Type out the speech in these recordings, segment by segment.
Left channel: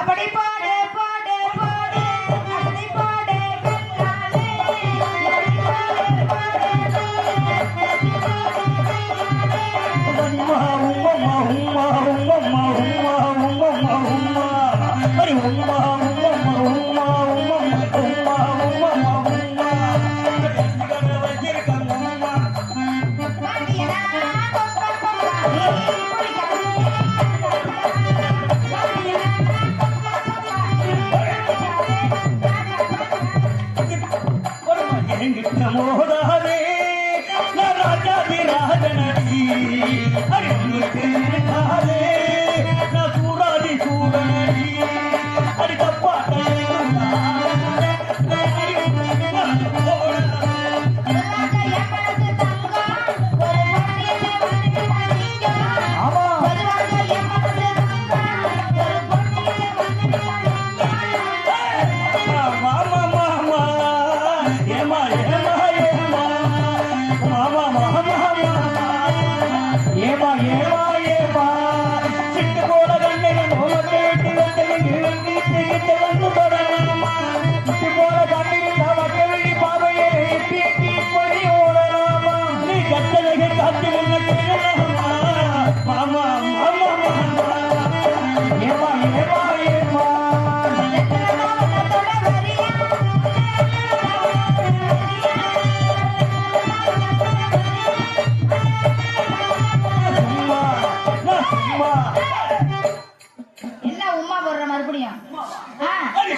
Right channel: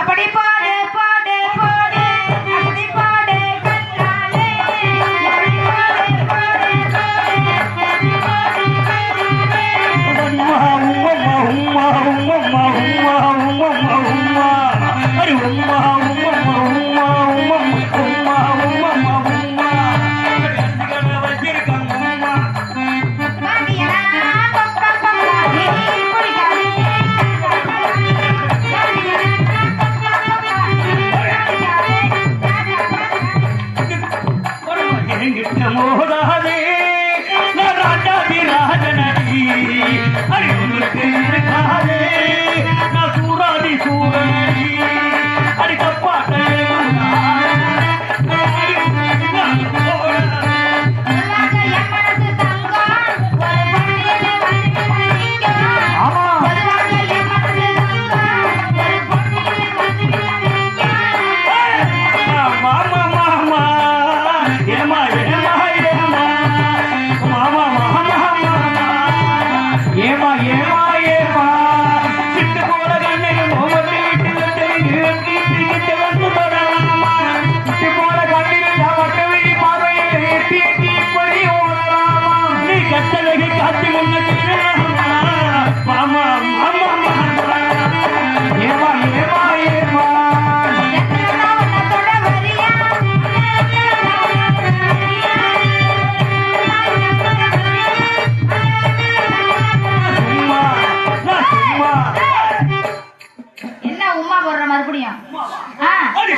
அப்படி பாடு பாடு பாடு அப்படி பாடு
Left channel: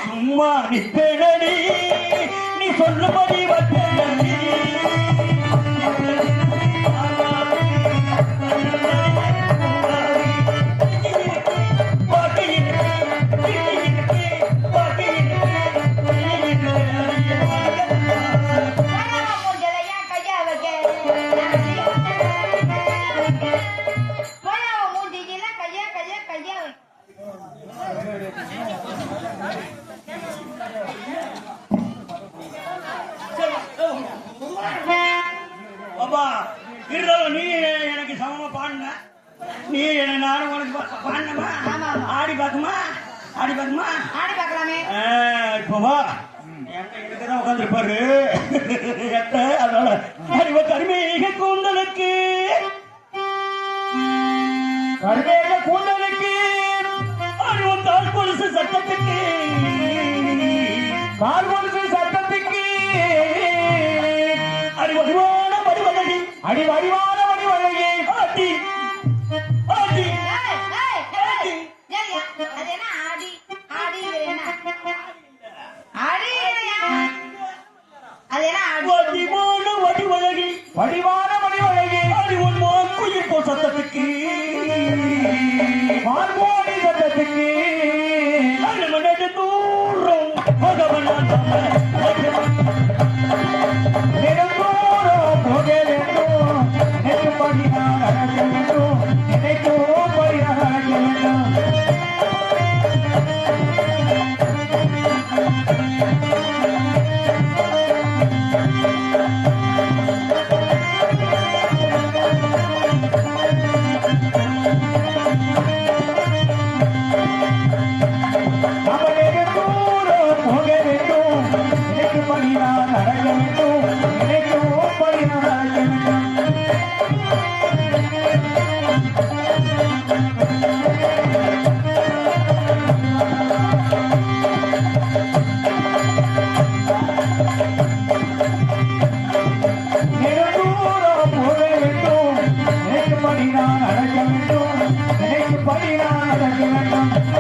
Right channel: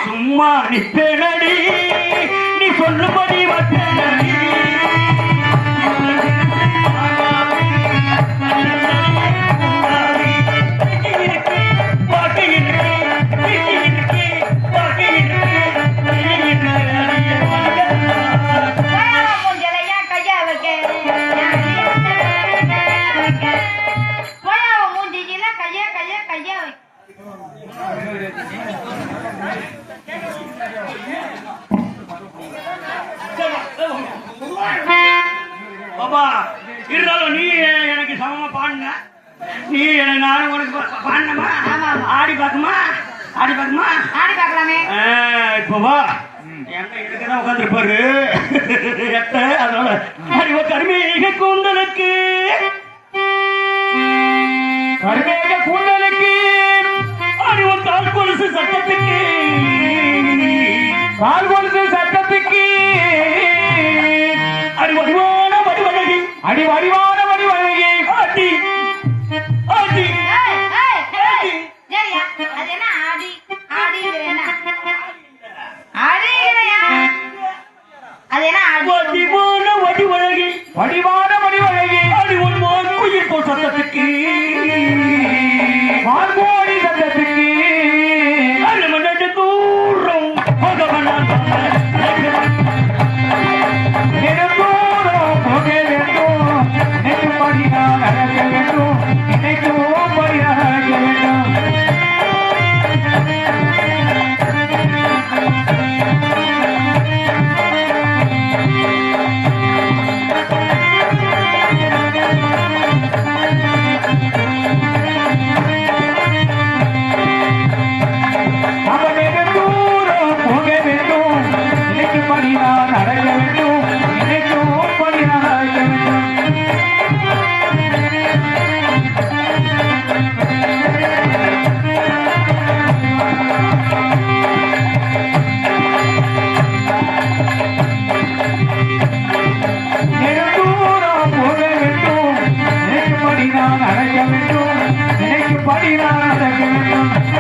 சும்மா நிப்பேனடி நீ சொல்லுபடி வட்டேனடி இருந்தாலும் நீ எனக்கு சமமா பாடுங்க நீ நானும் உனக்கு பாடணுமா ஆடி பார்க்குமா ஆடி பார்க்குமா ஆடி பார்க்கலாமே இப்போ வா என்ன இதுக்குதான் உட்காந்துருப்பாரு அதனால அறிவ கருமீக கூந்தலுக்கு கருமேக கூந்தலுக்கு அடி ஒரு கால் கொலுசு சட்டத்துக்கு கால் கொலுசு சட்டத்துக்கு அடி வடிவான வடிவழகி அடி வடிவான வடிவழகி ஆட்டி ஆட்டி ஏய், ஏய், ஏய். சரியா? அது என்ன ஆடி? ஆடிங்கிறது என்ன? ஆடிங்கிறயா? அது என்ன ஆடி? வடிவான வடிவழகி வடிவான வடிவழகி அடி ஒரு மான் குயில் போல் சத்தத்துக்கு மார்கோடி சட்டத்துக்கு அரை மணி தூரம் போக வேண்டாம் நெடுந்தூரம் போக வேண்டும் நெடும்படி நான் அழக வேண்டும் நினைக்கும் படி அழக வேண்டும் அவன் நெடுந்தூரம் போக வேண்டும் நினைக்கும்படி நான் அழக வேண்டும் நினைக்கும் படி அழக வேண்டும் நெடுந்தூரம் போக வேண்டும் நினைக்கும்படி நான் அழக வேண்டும் நினைக்கும்படி நான் அழக வேண்டும்